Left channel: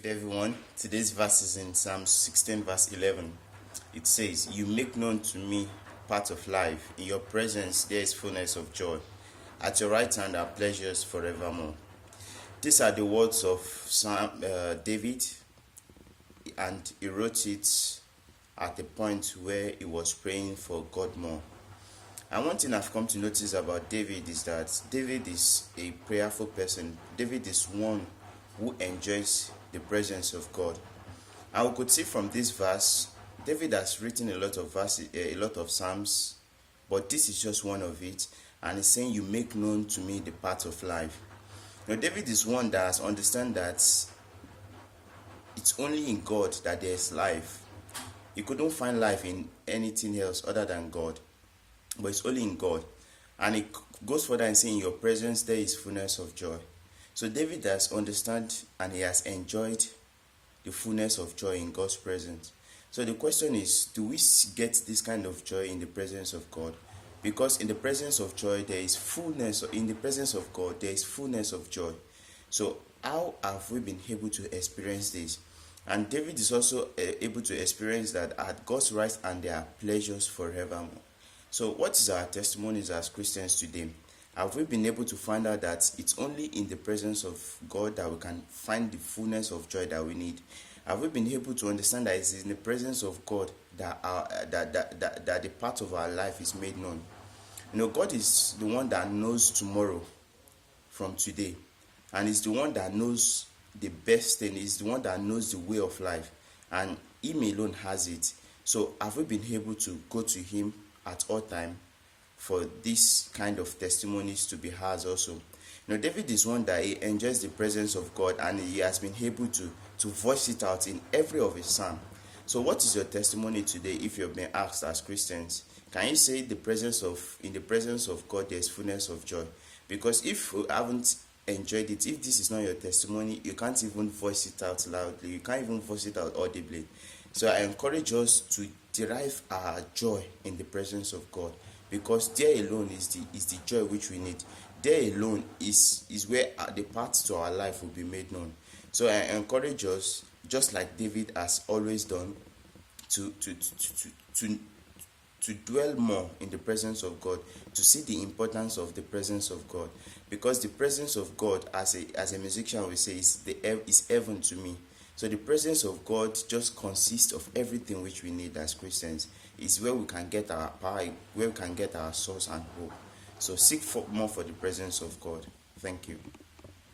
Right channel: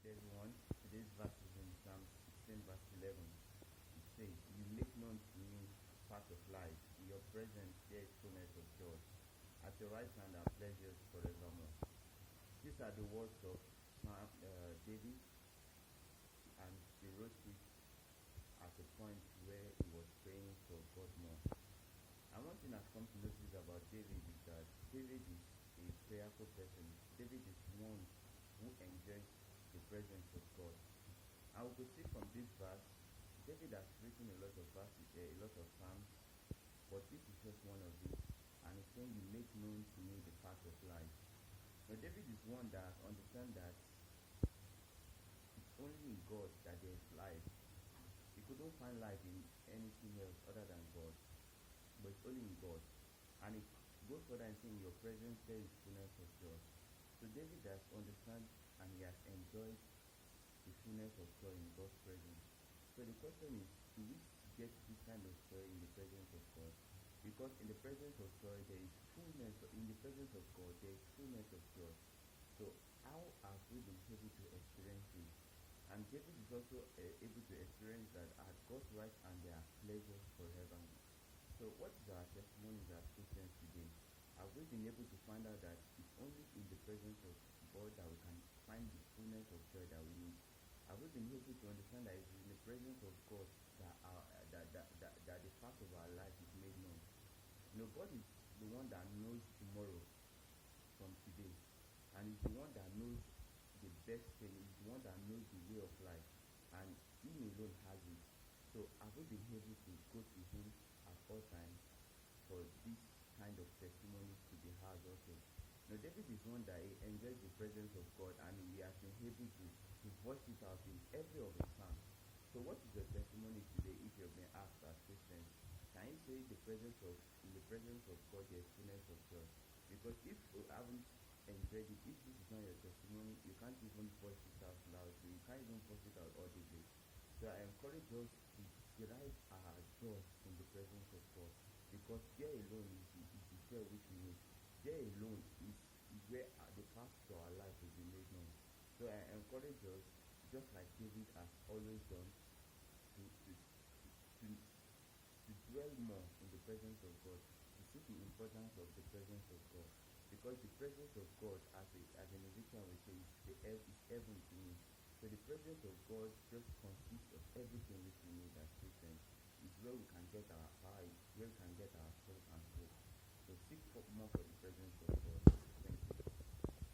Good everyone. Today's verse is in Psalm 16 verse 11. It says, "You make known to me part of life. In your presence there is fullness of joy. At your right hand are pleasures forevermore." These are the words of David, and he wrote it at the point where he was praying for God more. And one thing I've come to notice about David is that David is a prayerful person. David is one who enjoys the presence of God. And we could see from this verse, David has written a lot of psalms, but this is just one of it. And he's saying, "You make known to me the path of life." Now, David is one that has understand that it's only in God that there is life. You couldn't find life in anything else other than God, but it's only in God. And it goes further and saying, "In your presence there is fullness of joy." So David has understood and he has enjoyed the fullness of joy in God's presence. So the question is, do we get this kind of joy in the presence of God? Because in the presence of joy there is fullness. In the presence of God there is fullness of joy. So how have we been able to experience this? And David is also able to experience that at God's right hand there are pleasures forevermore. So what is our testimonies as Christians today? Have we been able to find out that it's only in the presence of God that we can find the fullness of joy that we need? Have we been able to understand that it's in the presence of God that that the part of our life is made known? You know, God is the one that knows tomorrow from today, and He's the one that knows the best thing. He's the one that knows the way of life, and Him alone has it. So have we been able to go to Him at all time for this kind of testimonies to be ours also? You know, David is one that he enjoys the presence of God, and he has been able to voice it out in every of his psalm. So what is your testimony today if you've been asked as Christians? Can you say in the presence of God there is fullness of joy? Because if you haven't enjoyed it, if this is not your testimony, you can't even voice it out loudly, you can't even voice it out audibly. So I encourage us to derive our joy in the presence of God, because there alone is the joy which we need. There alone is where the paths to our life will be made known. So I encourage us, just like David has always done, to dwell more in the presence of God, to see the importance of the presence of God, because the presence of God, as a musician will say, is heaven to me. So the presence of God just consists of everything which we need as Christians. It's where we can get our power, where we can get our source and hope. So seek more for the presence of God. Thank you.